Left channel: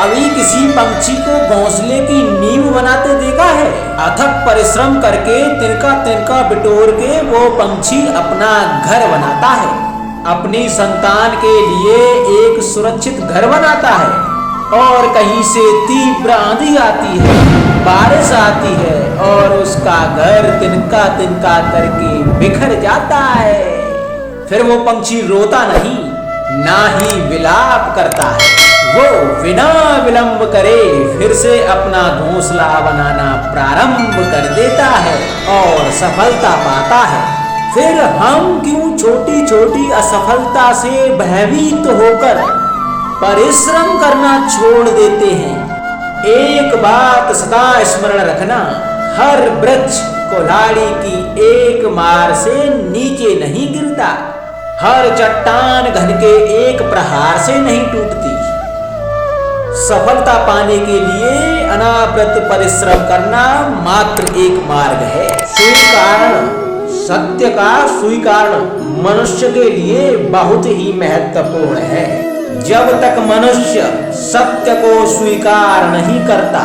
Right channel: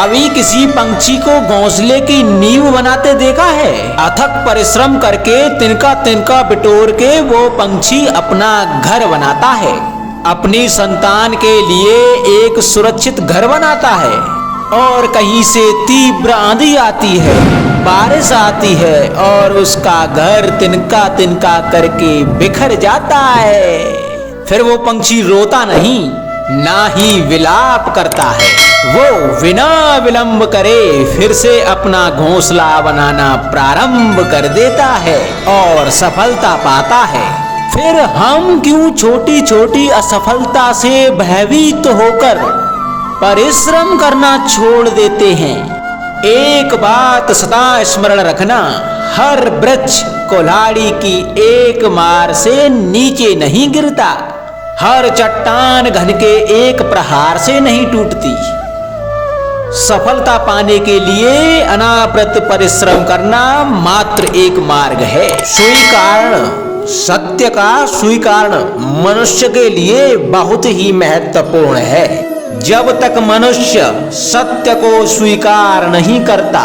कभी किसी पंछी को घोंसले की नींव बनाते देखा है? अथक परिश्रम करके तिनका तिनका बिटोर के वो पंछी अपना घर बनाता है, अपनी संतान के लिए एक सुरक्षित घर बनाता है। और कहीं से तीव्र आंधी आती है, बारिश आती है और उसका घर तिनका तिनका करके बिखर जाता है। फिर वो पंछी रोता नहीं, ना ही विलाप करता है। वो बिना विलंब करे फिर से अपना घोंसला बनाना प्रारंभ कर देता है और सफलता पाता है। फिर हम क्यों छोटी छोटी असफलता से भयभीत होकर परिश्रम करना छोड़ देते हैं? एक बात सदा स्मरण रखना, हर वृक्ष कुल्हाड़ी की एक मार से नीचे नहीं गिरता, हर चट्टान घन के एक प्रहार से नहीं टूटती। सफलता पाने के लिए अनावृत परिश्रम करना मात्र एक मार्ग है। स्वीकरण, सत्य का स्वीकरण मनुष्य के लिए बहुत ही महत्वपूर्ण है। जब तक मनुष्य सत्य को स्वीकार नहीं करता,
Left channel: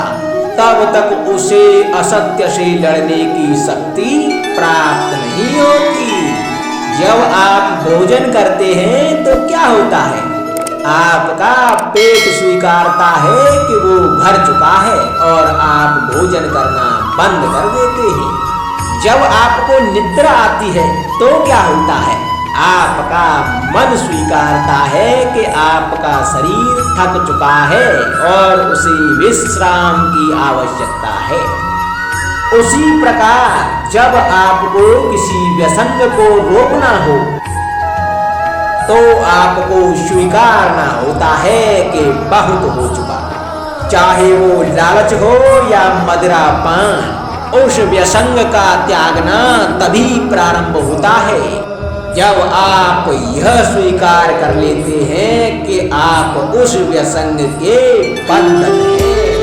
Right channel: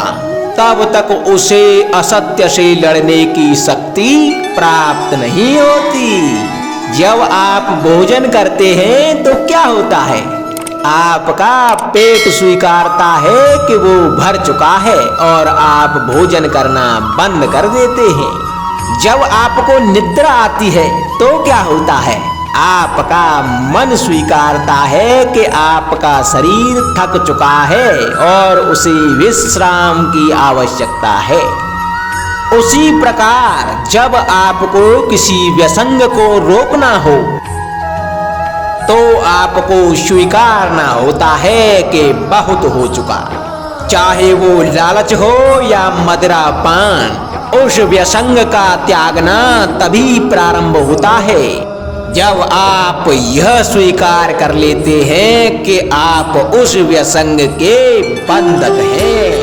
तब तक उसे असत्य से लड़ने की शक्ति प्राप्त नहीं होती। जब आप भोजन करते हैं तो क्या होता है? आपका पेट स्वीकारता है कि वो भर चुका है और आप भोजन करना बंद कर देते हैं। जब आपको निद्रा आती है तो क्या होता है? आपका मन स्वीकारता है कि आपका शरीर थक चुका है और उसे विश्राम की आवश्यकता है। उसी प्रकार जब आपको किसी व्यसंग को रोकना हो तो आपको स्वीकारना होता है कि बहुत हो चुका। चाहे वो लालच हो या मदिरा पान, उस व्यसंग का त्यागना तभी प्रारंभ होता है जब आप यह स्वीकार कर लेते हैं कि आप उस व्यसंग के बंधन हैं।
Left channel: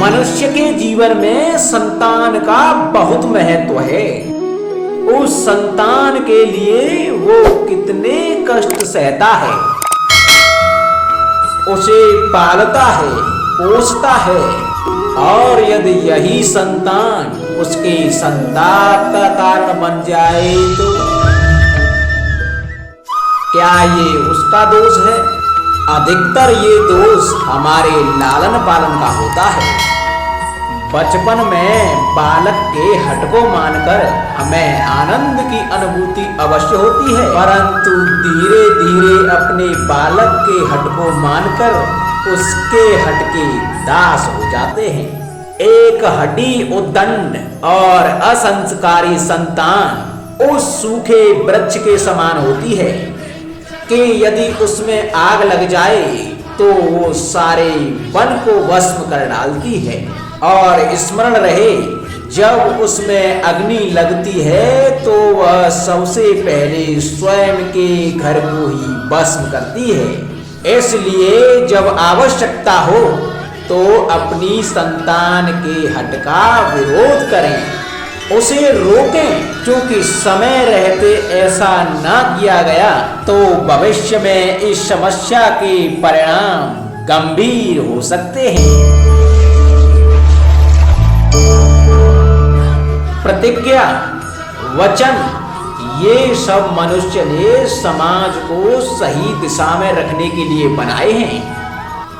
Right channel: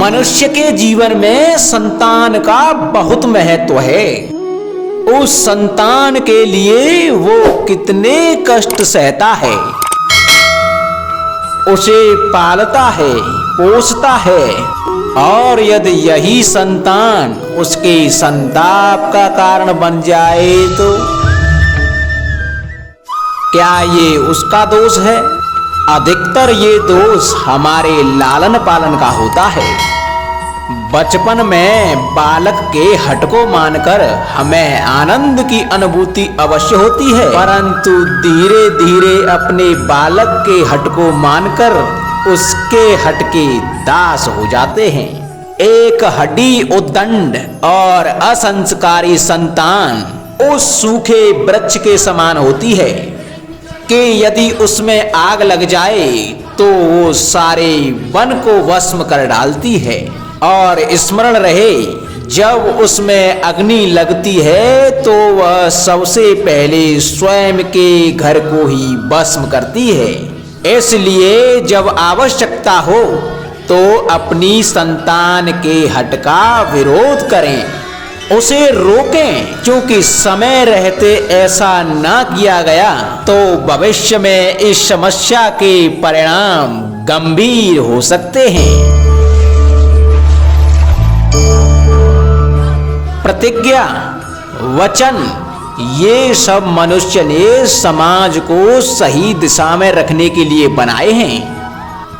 मनुष्य के जीवन में संतान का बहुत महत्व है। उस संतान के लिए वो कितने कष्ट सहता है, उसे पालता है, पोषता है, और यदि यही संतान उसके संताप का कारण बन जाए तो क्या ये उसका दोष है? अधिकतर ये दोष हमारे लालन पालन का होता है। बचपन में बालक के हट को मानकर हमें आनंद की अनुभूति अवश्य होती है, परंतु धीरे धीरे अपने बालक के हट को मानकर उसके हट के दास हो जाते हैं। एक हड्डी उद्दंड और असंस्कारी संतान उस सूखे वृक्ष के समान होती है कि यदि उसमें आग लग जाए तो वो सारे वन को भस्म कर डालती है। और स्मरण रहे, जब उसमें अग्नि लगती है तो वह सबसे पहले स्वयं के घर को ही भस्म करती है। इसलिए जब आवश्यकता हो तो अपनी संतान के हट का विरोध करें, उसे रोकें, क्योंकि समय रहते ऐसा ना किया गया तो भविष्य में इस समस्या के परिणाम गंभीर हो सकते हैं। प्रतिज्ञा, वचन, ये सब मनुष्य ने समाज को सही दिशा में रखने के लिए बनाए हैं।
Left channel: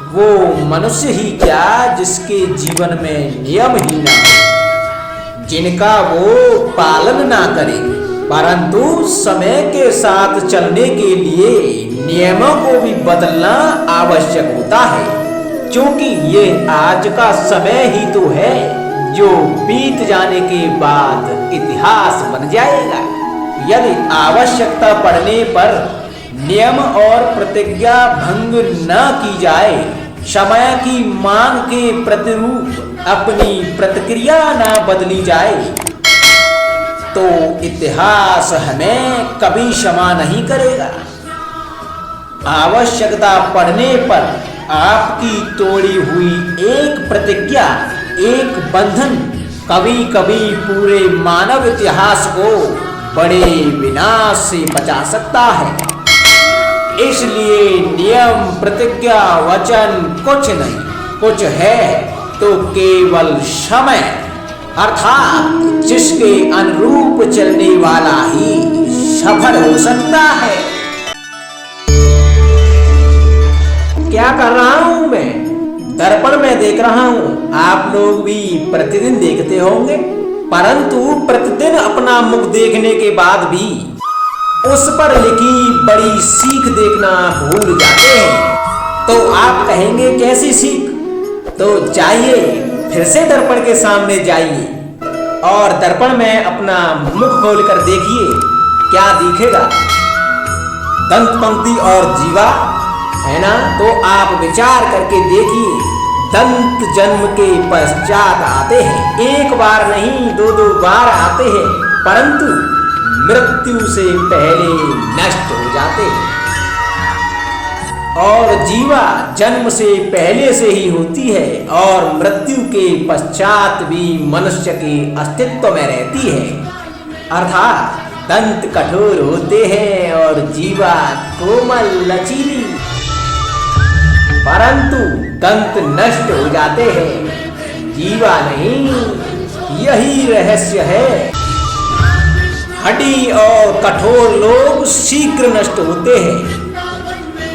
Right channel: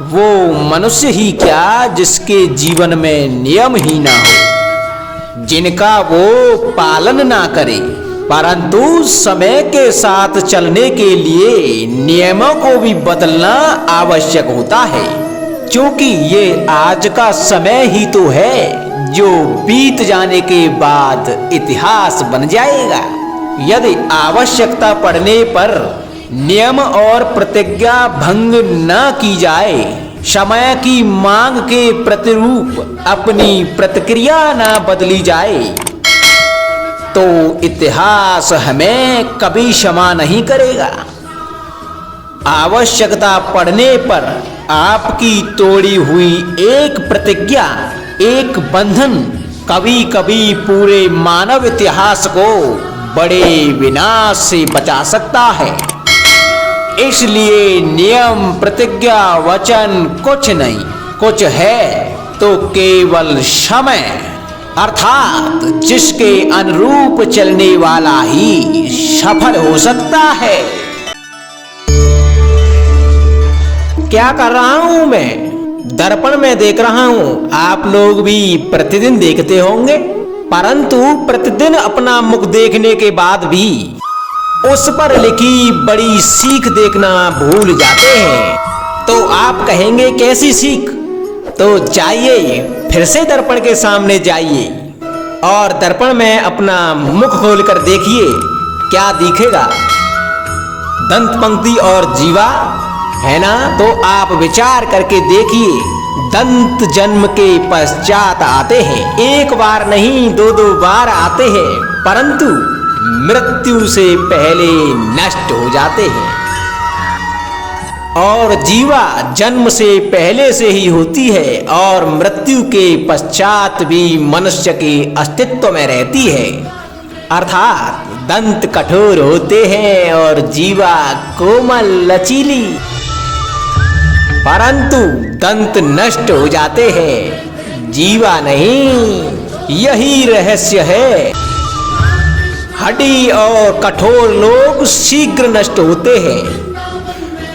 वो मनुष्य ही क्या जिसके जीवन में नियम ही ना हो, जिनका वो पालन ना करे, परंतु समय के साथ चलने के लिए नियमों को भी बदलना आवश्यक होता है, क्योंकि ये आज का समय ही तो है जो बीत जाने के बाद इतिहास बन जाएगा। यदि आवश्यकता पड़ने पर नियम और प्रतिज्ञा भंग न की जाए, समय की मांग के प्रतिरूप अपनी प्रतिक्रिया न बदली जाए, तो इतिहास हमें कभी क्षमा नहीं करेगा। आवश्यकता पड़ने पर आपकी तोड़ी हुई एक प्रतिज्ञा, एक बंधन कभी कभी पूरे मानव इतिहास को बड़े विनाश से बचा सकता है। इसलिए नियम, प्रतिज्ञा, वचन कुछ नहीं, कुछ है तो केवल समय, अर्थात जिसके अनुरूप चलने वाला ही सफल हो सकता है। क्या कर रहा हूं मैं? दर्पण में देख रहा हूं। आप लोग भी प्रतिदिन देखते होंगे, परंतु प्रतिदिन अपना मुख देखने के बाद भी उस पर लिखी बड़ी सीख देखना भूल जाते हैं। तो आप कहेंगे कैसी सीख? तो जाइए, फिर से दर्पण के सामने जाइए और दर्पण में अपना मुख खोलकर देखिए, क्या दिखेगा? दंत पंक्ति और जीवा है ना? तो आप विचार करके देखिए, दंत जन्म के पश्चात आते हैं, एक बार नहीं दो दो बार आते हैं, परंतु मृत्यु से पहले नष्ट हो जाते हैं। और जीवा जन्म से पहले से ही होती है और मृत्यु के पश्चात भी मनुष्य के अस्तित्व में रहती है। अर्थात दंत कठोर होते हैं और जीवा कोमल लचीली, परंतु दंत नष्ट हो जाते हैं, जीवा नहीं। यही रहस्य है। हड्डी और कठोर लोग शीघ्र नष्ट होते हैं,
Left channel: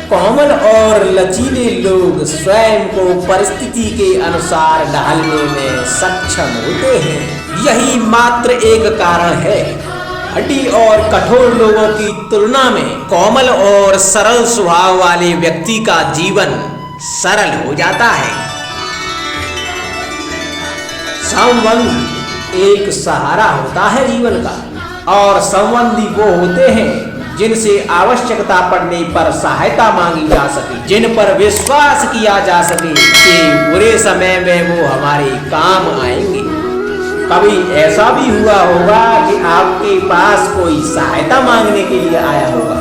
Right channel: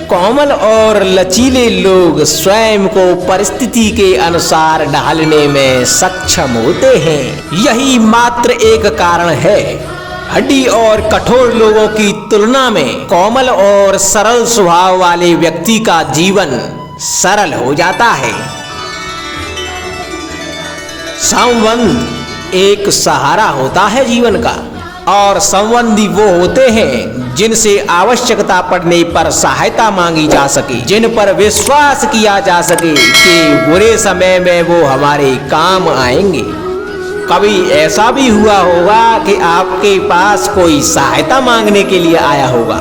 कोमल और लचीले लोग स्वयं को परिस्थिति के अनुसार ढालने में सक्षम होते हैं। यही मात्र एक कारण है। हड्डी और कठोर लोगों की तुलना में कोमल और सरल स्वभाव वाले व्यक्ति का जीवन सरल हो जाता है। संबंध एक सहारा होता है जीवन का, और संबंधी वो होते हैं जिनसे आवश्यकता पड़ने पर सहायता मांगी जा सके, जिन पर विश्वास किया जा सके कि बुरे समय में वो हमारे काम आएंगे। कभी ऐसा भी हुआ होगा कि आपके पास कोई सहायता मांगने के लिए आया होगा,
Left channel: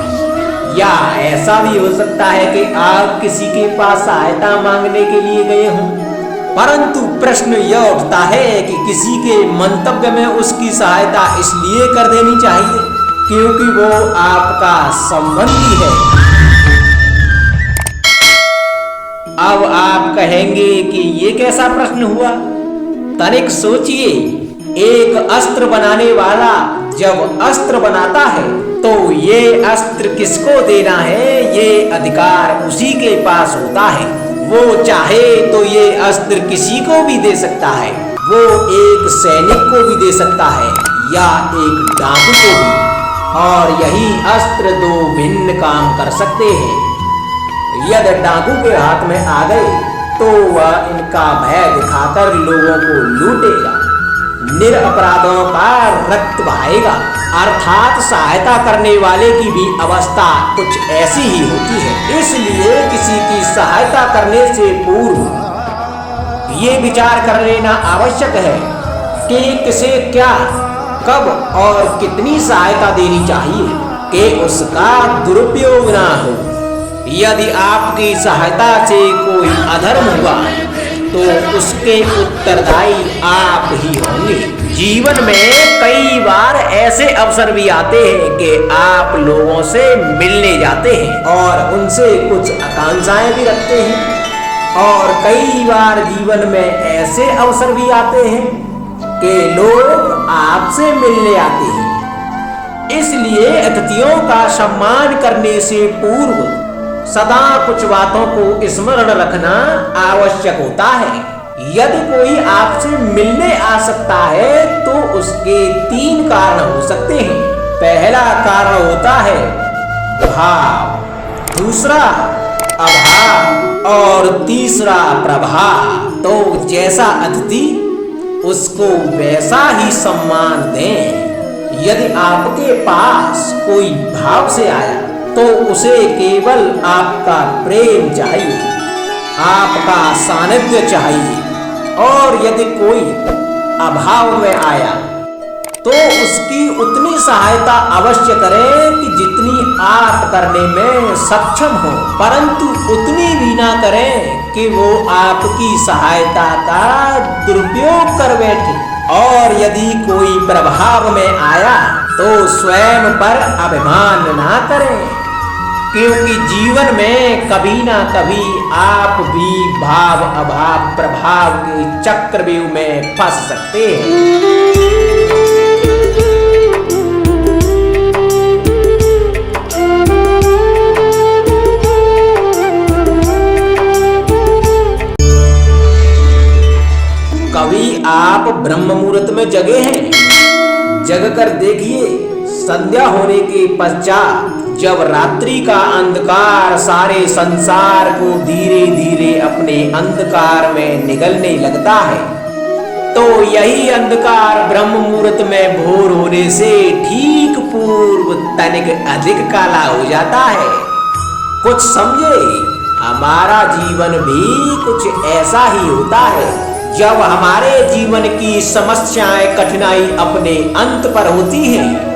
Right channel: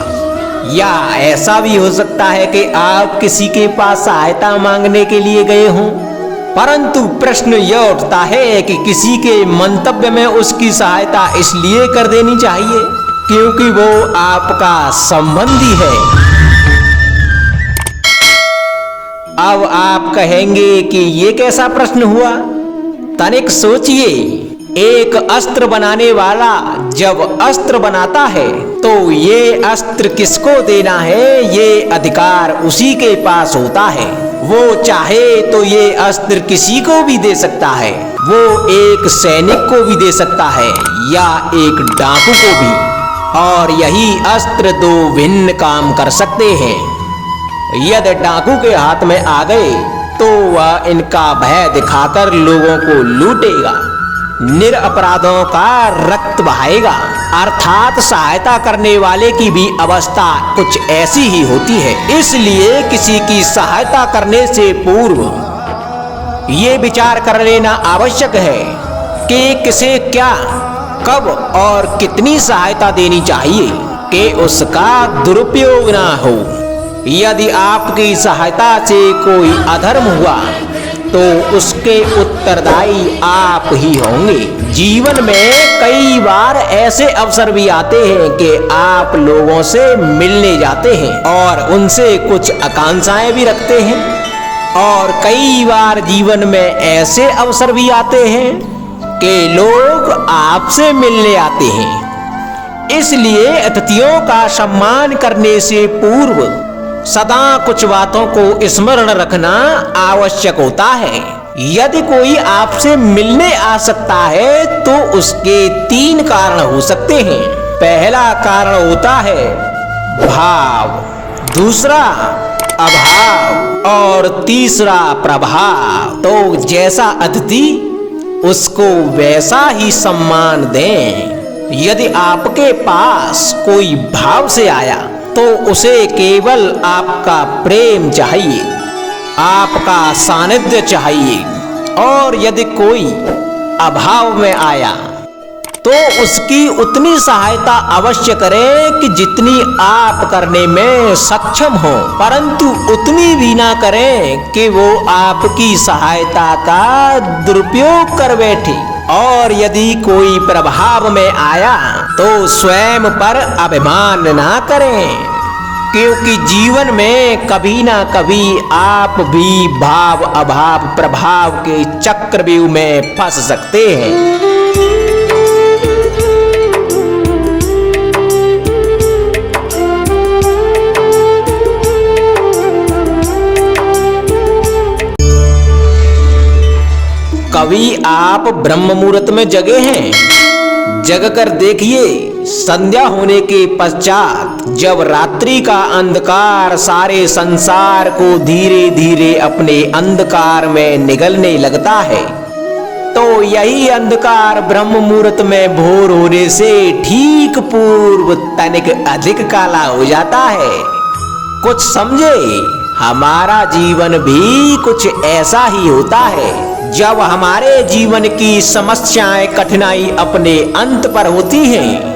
या ऐसा भी हो सकता है कि आप किसी के पास सहायता मांगने के लिए गए हों, परंतु प्रश्न यह उठता है कि किसी के मंतव्य में उसकी सहायता इसलिए कर देनी चाहिए क्योंकि वो आपका संबंधी है। अब आप कहेंगे कि ये कैसा प्रश्न हुआ? तनिक सोचिए, एक अस्त्र बनाने वाला जब अस्त्र बनाता है तो ये अस्त्र किसको देना है, ये अधिकार उसी के पास होता है। वो चाहे तो ये अस्त्र किसी को भी दे सकता है, वो एक सैनिक को भी दे सकता है या एक डाकू को भी, और यही अस्त्र दो भिन्न काम कर सकते हैं। यदि डाकू के हाथ में आ गए तो वह इनका भय दिखाकर लोगों को लूटेगा, निरपराधों का रक्त बहाएगा। अर्थात सहायता करने वाले की भी अवस्था कुछ ऐसी ही होती है। इसलिए किसी की सहायता करने से पूर्व ये विचार कर लेना आवश्यक है कि किसे क्या, कब और कितनी सहायता देनी चाहिए कि उसका दुरुपयोग ना हो। यदि आपकी सहायता से कोई अधर्म हुआ तो उसके उत्तरदायी आप ही होंगे। जीवन में कई बार ऐसे अवसर भी आते हैं कि आप लोगों से मिलने जाते हैं और उनसे कुछ आकांक्षाएं भी रखते हैं, और कई बार जीवन में ऐसे अवसर भी आते हैं कि लोग आपसे मिलने आते हैं। इसलिए अतिथियों का सम्मान करने से पूर्व सदा कुछ बातों को स्मरण रखना आवश्यक होता है। यदि कोई आपसे मिलने आ सकता है तो उसके 3 कारण हो सकते हैं। पहला कारण होता है भाव, दूसरा अभाव और तीसरा प्रभाव। तो जैसा अतिथि उसको वैसा ही सम्मान दें। यदि आपके पास कोई भाव से आया तो उसे केवल आपका प्रेम चाहिए, आपका सानिध्य चाहिए, और यदि कोई अभाव में आया तो उसकी उतनी सहायता अवश्य करें कि जितनी आप करने में सक्षम हो, परंतु उतनी भी ना करें कि वो आपकी सहायता का दुरुपयोग कर बैठे। और यदि कोई प्रभाव में आया तो स्वयं पर अभिमान ना करें, क्योंकि जीवन में कभी ना कभी आप भी भाव अभाव प्रभाव के चक्रव्यूह में फंस सकते हैं। कभी आप ब्रह्म मुहूर्त में जगे हैं, जग कर देखिए संध्या होने के पश्चात जब रात्रि का अंधकार सारे संसार को धीरे धीरे अपने अंधकार में निगलने लगता है, तो यही अंधकार ब्रह्म मुहूर्त में भोर होने से ठीक पूर्व तनिक अधिक काला हो जाता है। कुछ समझे, हमारा जीवन भी कुछ ऐसा ही होता है। जब हमारे जीवन की समस्याएं कठिनाई अपने अंत पर होती हैं,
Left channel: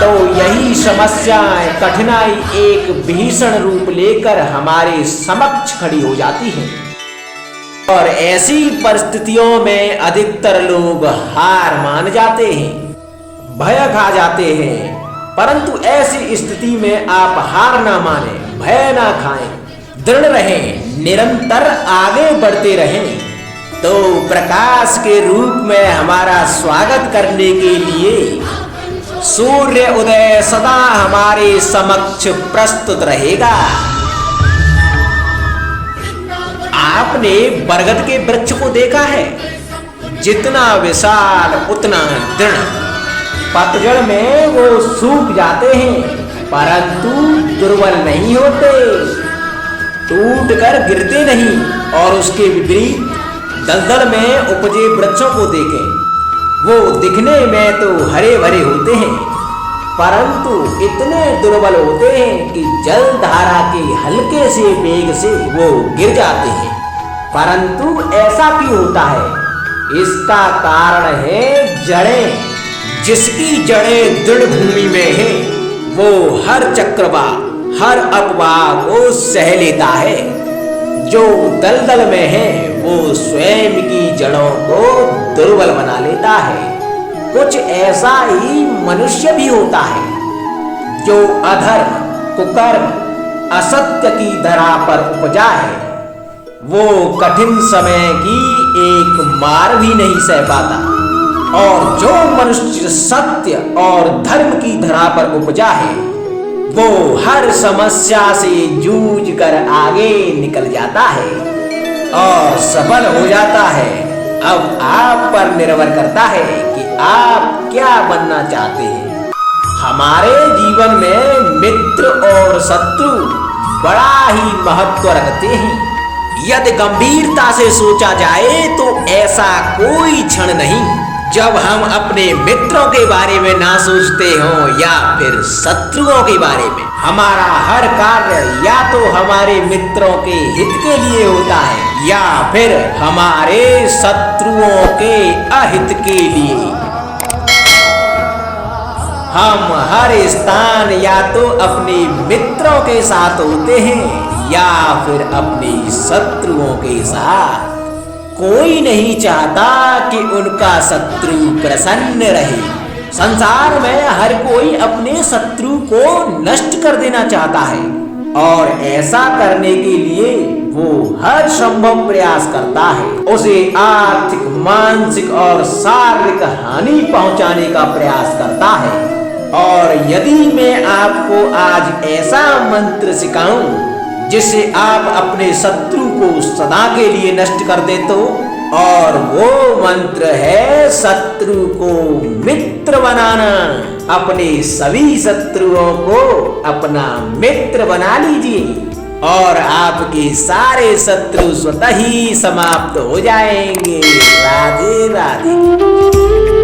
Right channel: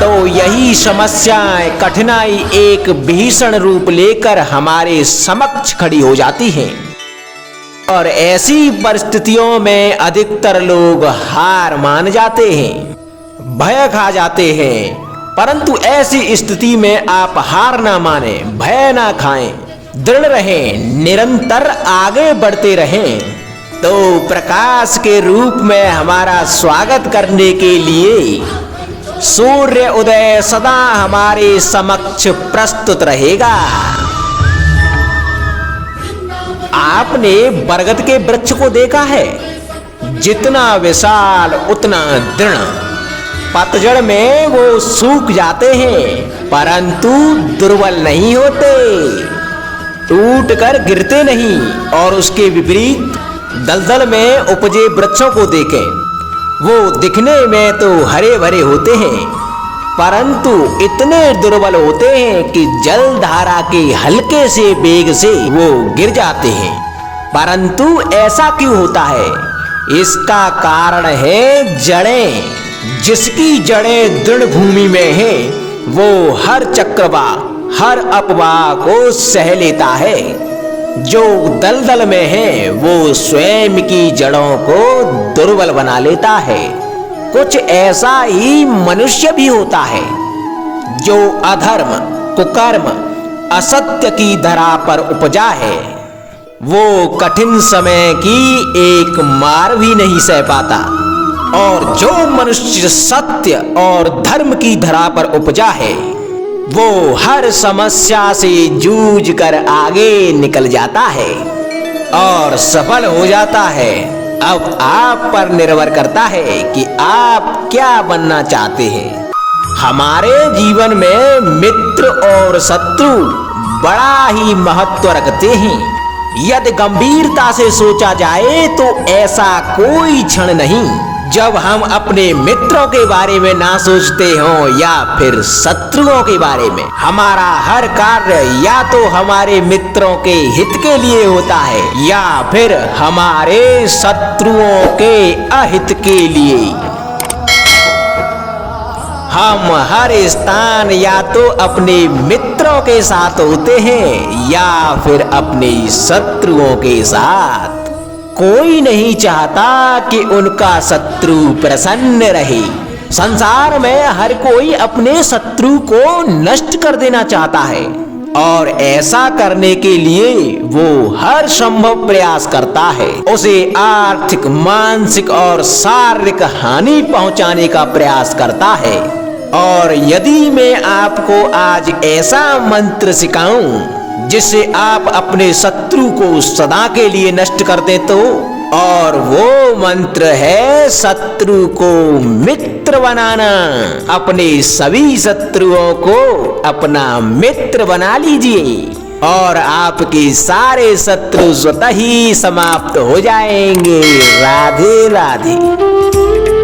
तो यही समस्याएं कठिनाई एक भीषण रूप लेकर हमारे समक्ष खड़ी हो जाती हैं। और ऐसी परिस्थितियों में अधिकतर लोग हार मान जाते हैं, भय खा जाते हैं। परंतु ऐसी स्थिति में आप हार ना माने, भय ना खाएं, दृढ़ रहें, निरंतर आगे बढ़ते रहें। तो प्रकाश के रूप में हमारा स्वागत करने के लिए सूर्य उदय सदा हमारे समक्ष प्रस्तुत रहेगा। आपने बरगद के वृक्ष को देखा है, जितना विशाल उतना दृढ़। पतझड़ में वो सूख जाते हैं, परंतु दुर्बल नहीं होते, टूटकर गिरते नहीं। और उसके विपरीत दलदल में उपजे वृक्षों को देखें, वो दिखने में तो हरे भरे होते हैं, परंतु इतने दुर्बल होते हैं कि जल धारा के हल्के से वेग से वो गिर जाते हैं। परंतु ऐसा क्यों होता है? इसका कारण है जड़ें। जिसकी जड़ें दृढ़ भूमि में है, वो हर चक्रवात हर अफवाह को सह लेता है। जो दलदल में है, वो स्वयं की जड़ों को दुर्बल बना लेता है। कुछ ऐसा ही मनुष्य भी होता है, जो अधर्म कुकर्म असत्य की धरा पर उपजा है, वो कठिन समय की एक मार भी नहीं सह पाता। और जो मनुष्य सत्य और धर्म की धरा पर उपजा है, वो हर समस्या से जूझ कर आगे निकल जाता है और सफल हो जाता है। अब आप पर निर्भर करता है कि आप क्या बनना चाहते हैं। हमारे जीवन में मित्र और शत्रु बड़ा ही महत्व रखते हैं। यदि गंभीरता से सोचा जाए तो ऐसा कोई क्षण नहीं जब हम अपने मित्रों के बारे में ना सोचते हों या फिर शत्रुओं के बारे में। हमारा हर कार्य या तो हमारे मित्रों के हित के लिए होता है या फिर हमारे शत्रुओं के अहित के लिए। हम हर स्थान या तो अपने मित्रों के साथ होते हैं या फिर अपने शत्रुओं के साथ। कोई नहीं चाहता कि उनका शत्रु प्रसन्न रहे। संसार में हर कोई अपने शत्रु को नष्ट कर देना चाहता है और ऐसा करने के लिए वो हर संभव प्रयास करता है। उसे आर्थिक, मानसिक और शारीरिक हानि पहुंचाने का प्रयास करता है। और यदि मैं आपको आज ऐसा मंत्र सिखाऊं जिससे आप अपने शत्रु को सदा के लिए नष्ट कर दे तो, और वो मंत्र है शत्रु को मित्र बनाना। अपने सभी शत्रुओं को अपना मित्र बना लीजिए और आपके सारे शत्रु स्वतः ही समाप्त हो जाएंगे। राधे राधे।